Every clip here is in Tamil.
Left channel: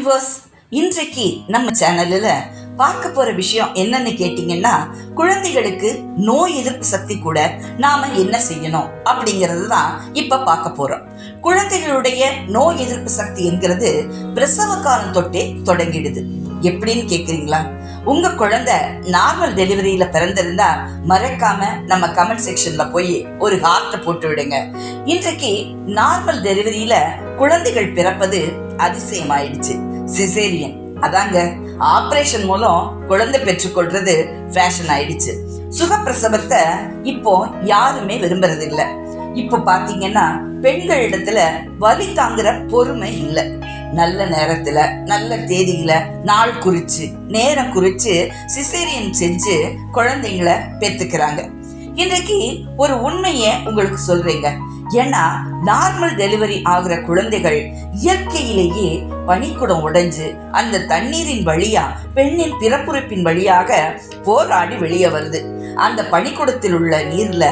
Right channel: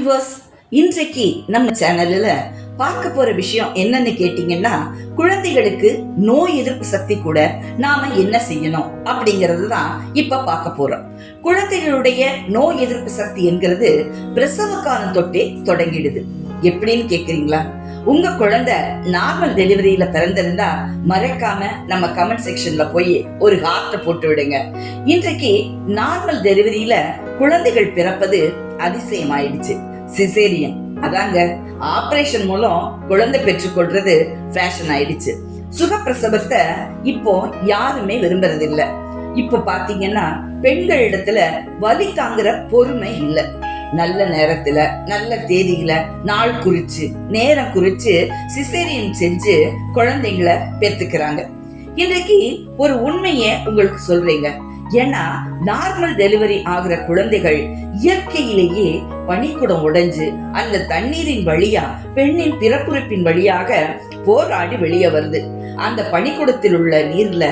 வியூவர்ஸ், இன்றைக்கு நம்ம சேனல்ல பார்க்க போற விஷயம் என்னன்னு கேட்டீங்கன்னா, குழந்தைகளுக்கு நோய் எதிர்ப்பு சக்தி கூட நாம என்ன செய்யணும் அப்படிங்கறது தான் இப்ப பார்க்க போறோம். குழந்தைகளுடைய நோய் எதிர்ப்பு சக்தி என்கிறது பிரசவ காலம் தொட்டே தொடங்கிடுது. எப்படின்னு கேக்குறீங்களா? உங்க குழந்தை நார்மல் டெலிவரியில பிறந்திருந்தா மறக்காம நம்ம கமெண்ட் செக்ஷன்ல போய் ஒரு ஹார்ட் போட்டு விடுங்க. இன்றைக்கு நார்மல் டெலிவரியில குழந்தைகள் பிறப்பது அதிசயமாயிடுச்சு. சிசேரியன், அதாங்க ஆபரேஷன் மூலம் குழந்தை பெற்றுக்கொள்றது ஃபேஷன் ஆயிடுச்சு. சுகப்பிரசவத்தை இப்போ யாருமே விரும்புறது இல்ல. இப்போ பாத்தீங்கன்னா பெண்கள் இடத்துல வலி தாங்குற பொறுமை இல்ல. நல்ல நேரத்துல நல்ல தேதியில நாள் குறிச்சு நேரம் குறிச்சு சிசேரியன் செஞ்சு குழந்தைங்களை பெற்றுக்கிறாங்க. இன்றைக்கு ஒரு உண்மைய உங்களுக்கு சொல்றீங்க. ஏன்னா நார்மல் டெலிவரி ஆகிற குழந்தைகள் இயற்கையிலேயே பனிக்குடம் உடைஞ்சு அந்த தண்ணீரின் வழியா பெண்ணின் பிறப்புறுப்பின் வழியாக போராடி வெளியே வருது. அந்த பனிக்குடத்தில் உள்ள நீர்ல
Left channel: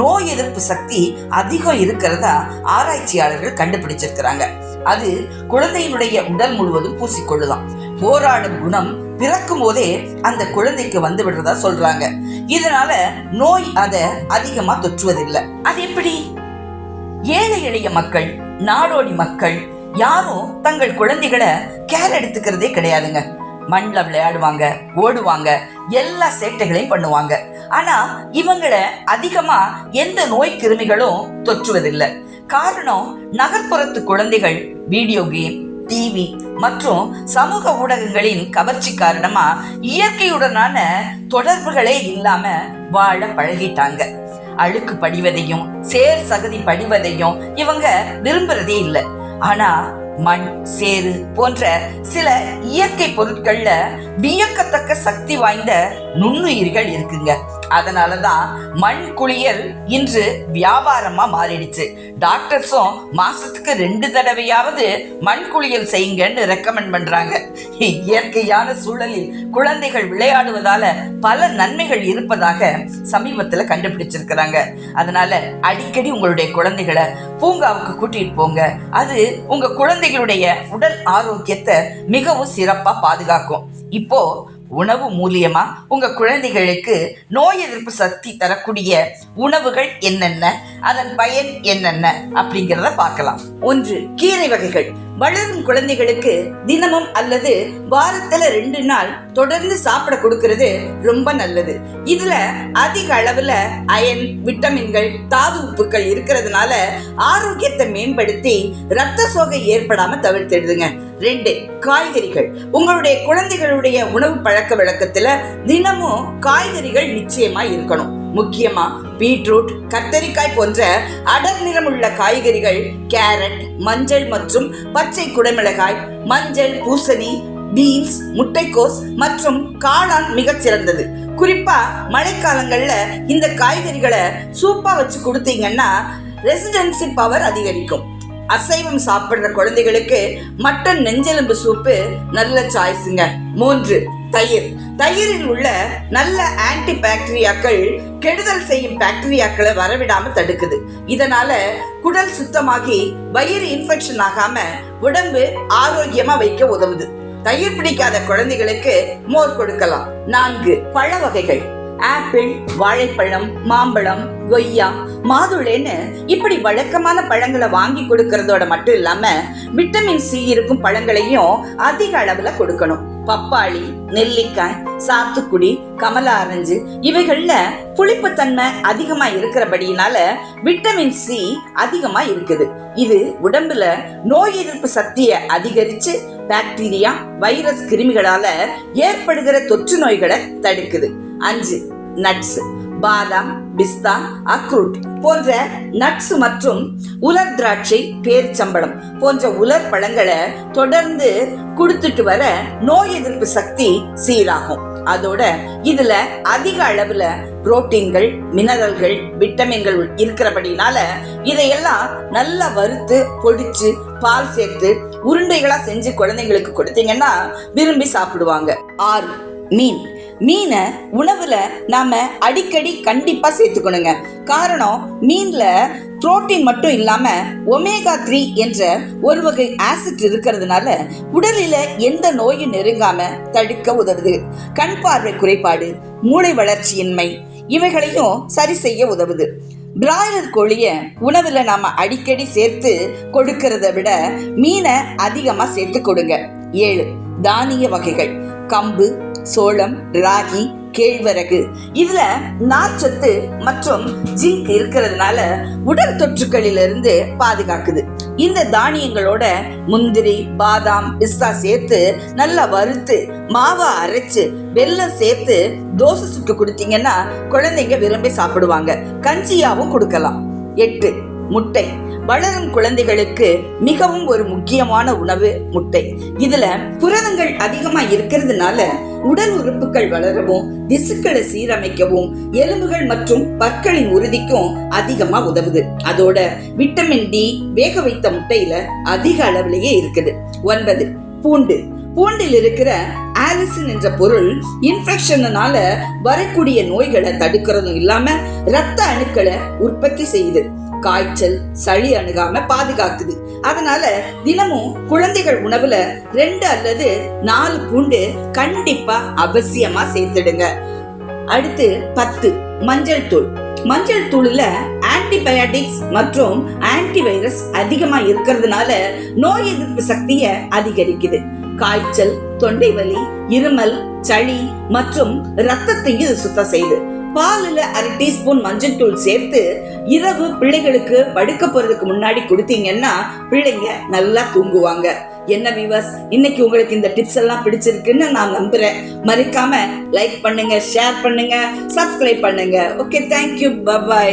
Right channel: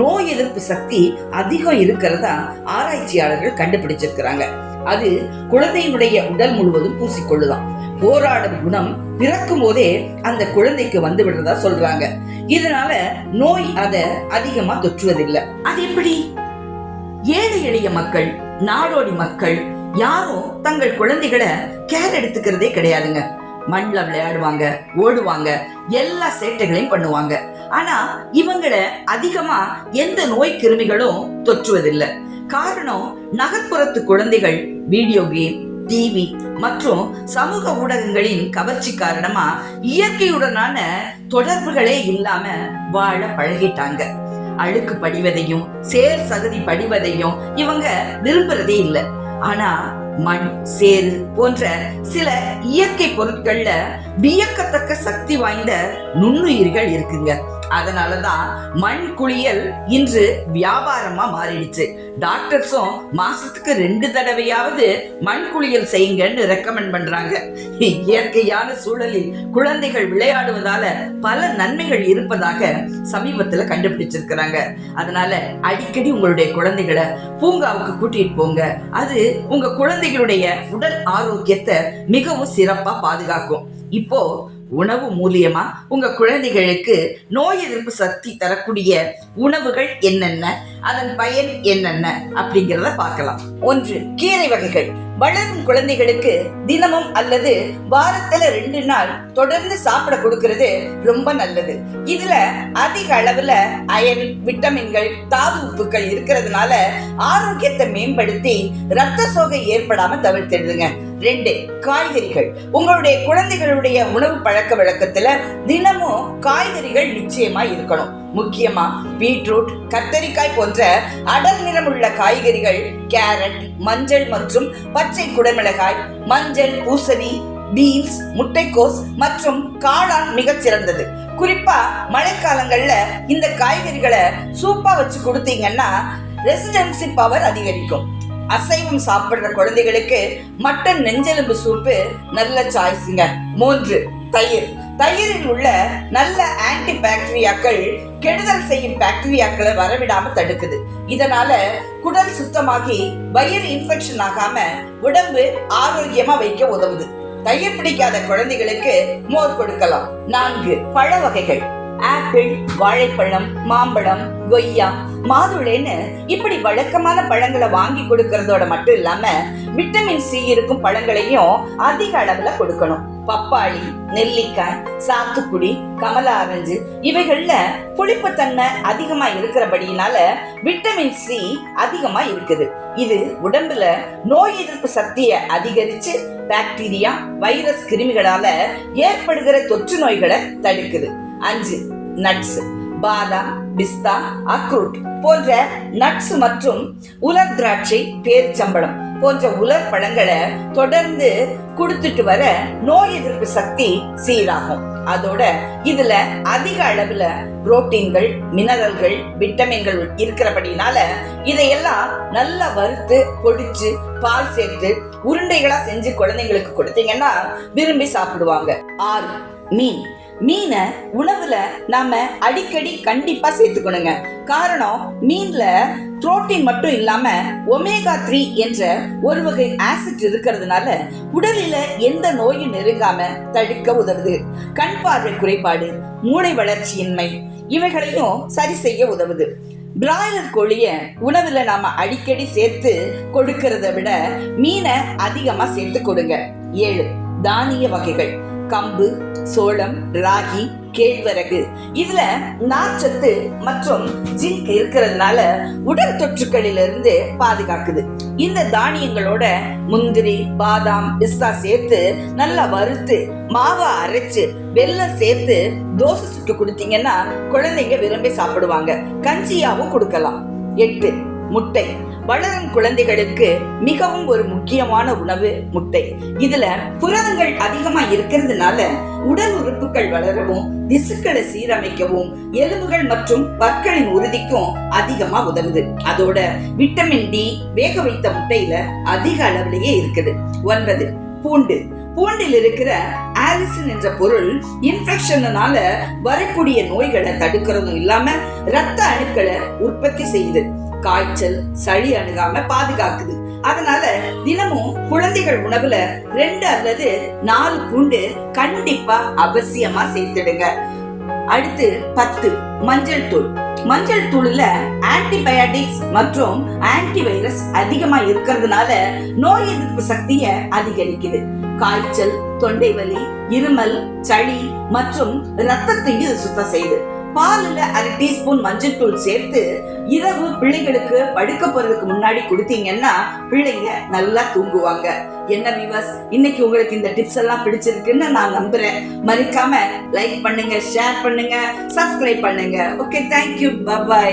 நோய் எதிர்ப்பு சக்தி அதிகம் இருக்கிறதா ஆராய்ச்சியாளர்கள் கண்டுபிடிச்சிருக்கிறாங்க. அது குழந்தையினுடைய உடல் முழுவதும் பூசிக்கொள்ளுதான். போராடும் குணம் பிறக்கும் போதே அந்த குழந்தைக்கு வந்து விடுறதா சொல்றாங்க. இதனால நோய் அதை அதிகமா தொற்றுவதில்லை. அது எப்படி? ஏழை எளிய மக்கள், நாடோடி மக்கள் யாரும் தங்கள் குழந்தைகளை கேர் எடுத்துக்கிறதே கிடையாதுங்க. மண்ல விளையாடுவாங்க, ஓடுவாங்க, எல்லா சேட்டைகளையும் பண்ணுவாங்க. ஆனா இவங்களை அதிகமா எந்த நோய் கிருமிகளும் தொற்றுவதில்லை. காரணம், நகர்ப்புறத்து குழந்தைகள் வீடியோ கேம், டிவி மற்றும் சமூக ஊடகங்களின் கவர்ச்சி காரணமா இயற்கையுடனான தொடர்புகளே இல்லாம வாழ பழகிட்டாங்க. அழுக்கு படிவதையும் சேர் சகதி படிவதையும் இவங்க விரும்புறதே இல்லை. ஆனா மண், சேரு போன்ற சில இயற்கை பொருட்கள்ல வியக்கத்தக்க சக்தி வாய்ந்த நுண்ணுயிர்கள் இருக்குங்க. அதனாலதான் மண் குளியல் இன்று வியாபாரமா மாறிடுச்சு. டாக்டர்ஸும் மாசத்துக்கு 2 தடவையாவது மண் குளியல் செய்யுங்கன்னு ரெக்கமெண்ட் பண்றாங்க. இயற்கையான சூழலில் குழந்தைகள் விளையாடுவதால பல நன்மைகள் இருப்பதாக சமீபத்துல கண்டுபிடிச்சிருக்கிறாங்க. அதனால அடிக்கடி உங்களுடைய குழந்தைகளை பூங்காவுக்கு கூட்டிட்டு போங்க. அது உங்க குழந்தைகளுடைய உடல் ஆரோக்கியத்தை மிகவும் சிறப்பா பாதுகாக்கும். இப்போ உணவு மூலியமா உங்க குழந்தைகளுக்கு நோய் எதிர்ப்பு சக்தி தரக்கூடிய உணவுகள் என்னென்ன, அதன் பயன் என்னென்ன அப்படிங்கிறத பார்க்கலாம். 1. கீரை வகைகள். வளரும் குழந்தைகளுக்கு தினமும் அல்லது வாரத்துல 2 நாள் தொடர்ந்து சாப்பிட கொடுக்கிறது ரொம்ப நல்லது. இதுல அதிக அளவுல அயன், விட்டமின்கள், தாது உப்புக்கள் இருக்கிறதுனால ஆரோக்கியத்தை மேம்படுத்தி ரத்த சோகை ஏற்படாம தவிர்த்திடுதுங்க. 2. காய்கறிகள். உங்களுடைய குழந்தைகளுடைய உணவு பழக்க வழக்கத்துல தினமும் காய்கறிகள் நிச்சயமா இருக்கணும். முக்கியமா பீட்ரூட், கத்தரிக்காய் போன்ற அடர் நிறமுள்ள காய்கறிகள், கேரட், மஞ்சள் மற்றும் பச்சை குடைமிளகாய், மஞ்சள், பூசணி, பீன்ஸ், முட்டைக்கோஸ் மற்றும் காளான் மிகச் சிறந்தது. குறிப்பா மழைக்காலங்கள்ல இந்த காய்கறிகளை சூப்பா வச்சு கொடுத்தீங்கன்னா ரெசிடென்சி பவர் அதிகரிக்கும். அசைவம் சாப்பிடுற குழந்தைகளுக்கு மட்டன் நெஞ்செலும்பு சூப்பு நல்ல சாய்ஸுங்க. 3. தயிர். தயிரில் உள்ள நல்ல ஆன்டி பாக்டீரியாக்கள் கெடுதல் செய்யும் பாக்டீரியாக்களை வரவிடாம தடுக்குது. இதனால குடல் சுத்தமாகி வயிறு இன்ஃபெக்ஷன் ஆகாம உடம்பு ஆரோக்கியமா வைக்க உதவுது. தயிர் பிடிக்காத குழந்தைகளுக்கு மோர் கொடுக்கலாம். 4. பழ வகைகள். ஆப்பிள், வாழைப்பழம், மாம்பழம், கொய்யா, மாதுளைன்னு இப்படி வழக்கமான பழங்களை வாங்கி கொடுக்கறதோட மட்டும் இல்லாம விட்டமின் சி இருக்கும் பழங்களையும் அதிக அளவுல கொடுக்கணும். பப்பாளி, நெல்லிக்காய், சாத்துக்குடி, கமலா ஆரஞ்சு இவைகள்ல புளிப்புத்தன்மை அதிகமா இருக்கிறபடியினால விட்டமின் சி அதிகமா இருக்குது. இது உடம்புல நோய் எதிர்ப்பு சக்தியை அதிகரிச்சு பாக்டீரியா, வைரஸ் கிருமிகளால ஏற்படுகிற தொற்று நோய்களை தடுக்குது. 5. நட்ஸ். பாதாம், பிஸ்தா, அக்ரூட் போன்ற நட்ஸ் மற்றும் உலர் திராட்சை, பேரிச்சம்பழம் போன்ற உலர் பழங்களை தொடர்ந்து கொடுத்துட்டு வர நோய் எதிர்ப்பு சக்தி சீராகும். அதோட இதுல அதிக அளவுல புரோட்டீன்கள், மினரல்கள், விட்டமின்கள் இருக்கிறபடினால இதையெல்லாம் நல்லா வறுத்து பொடிச்சு பால் சேர்த்து உருண்டைகளா செஞ்சு குழந்தைங்களுக்கு கொடுத்தீங்கன்னா விரும்பி சாப்பிடுவாங்க. 6. மீன். மீனை உணவுல நாம அடிக்கடி கண்டிப்பா சேர்த்துக்கணுங்க. காரணம், மீன்ல புரோட்டீன் மட்டும் இல்லாம ஒமேகா 3 என்ற ஒரு வகை ஆசிட் இருக்கிறதுனால உடலில எந்த நோயும் நெருங்காம தடுக்க உதவுது. கண் பார்வை குறைபாடு, மூளை வளர்ச்சியின்மை இவைகளையும் சரி செய்ய உதவுது. பிராய்லர் கோழிய உணவுல நாம அடிக்கடி சேர்த்து கொடுக்கறத விட மீனை அதிகமா சேர்த்து கொடுங்க. 7. தானிய வகைகள். கம்பு, சோளம், ராகி, கேழ்வரகு இதுல நார்ச்சத்து மற்றும் ஜிங்க் இருக்கிறதுனால உடல் தொற்றுக்களிலிருந்து பாதுகாக்குது. இந்த தானியங்களோட முந்திரி, பாதாம், பிஸ்தா சேர்த்து நல்லா வறுத்து மாவா அரைச்சு வெல்லம் சேர்த்து தோசை சுட்டு கொடுத்தீங்கன்னா குழந்தைங்க விரும்பி சாப்பிடுவாங்க. கஞ்சியாவும் கொடுக்கலாம். 8. முட்டை. வளரும் குழந்தைகளுக்கு மிகவும் ஒரு முக்கியமான உணவு முட்டை. இதுல புரதங்கள் அதிகமா இருக்கிறதுனால உடல் உறுப்புகள் வளரவும், திசுக்களை சீரமைக்கவும், எலும்புகள் மற்றும் பற்களின் உறுதிக்கும் அதிகமா உதவுது. அதோட விட்டமின் டி வேக வைத்த முட்டையில அதிக அளவிலேயே இருக்குது. 9. பூண்டு. பூண்டில் இருக்கிற ஆலிசின் என்ற பொருள் இன்ஃபெக்ஷனால வரக்கூடிய நோய்களை தடுக்கிறதும் இல்லாம இரத்த அணுக்களை உற்பத்தி செய்யுது. காய்ச்சல், சளி அணுகாம பாதுகாக்குது. அதனால தினமும் குழந்தைகள் உணவுல 2 அல்லது 4 பூண்டு கண்டிப்பா அவசியமா சேர்த்துடுங்க. அடுத்து 10. மஞ்சள் தூள். மஞ்சள் தூள்ல ஆன்டிபயோட்டிக்ஸ் மற்றும் ஆன்டிவைரஸ் அதிகமா இருக்கிறதுனால நோய் எதிர்ப்பு சக்தியை அதிகரிக்குது. காய்ச்சல், தொண்டை வலி, இருமல், சளி மற்றும் ரத்தத்தையும் இது சுத்தம் செய்யுது. பாலுல 1/2 டீஸ்பூன் மஞ்சள் தூள் சேர்த்து இரவு பிள்ளைகளுக்கு படுக்க போறதுக்கு முன்னாடி கொடுத்தீங்கன்னா பிள்ளைங்க நல்லா தூங்குவாங்க. என்ன வியூவர்ஸ், இன்னைக்கு உங்களுக்கு இந்த டிப்ஸ் எல்லாம் பிடிச்சிருக்குன்னு நான் நம்புறேன். மறக்காம லைக் பண்ணுங்க, ஷேர் பண்ணுங்க, சப்ஸ்கிரைப் பண்ணுங்க. Okay, thank you, bye bye.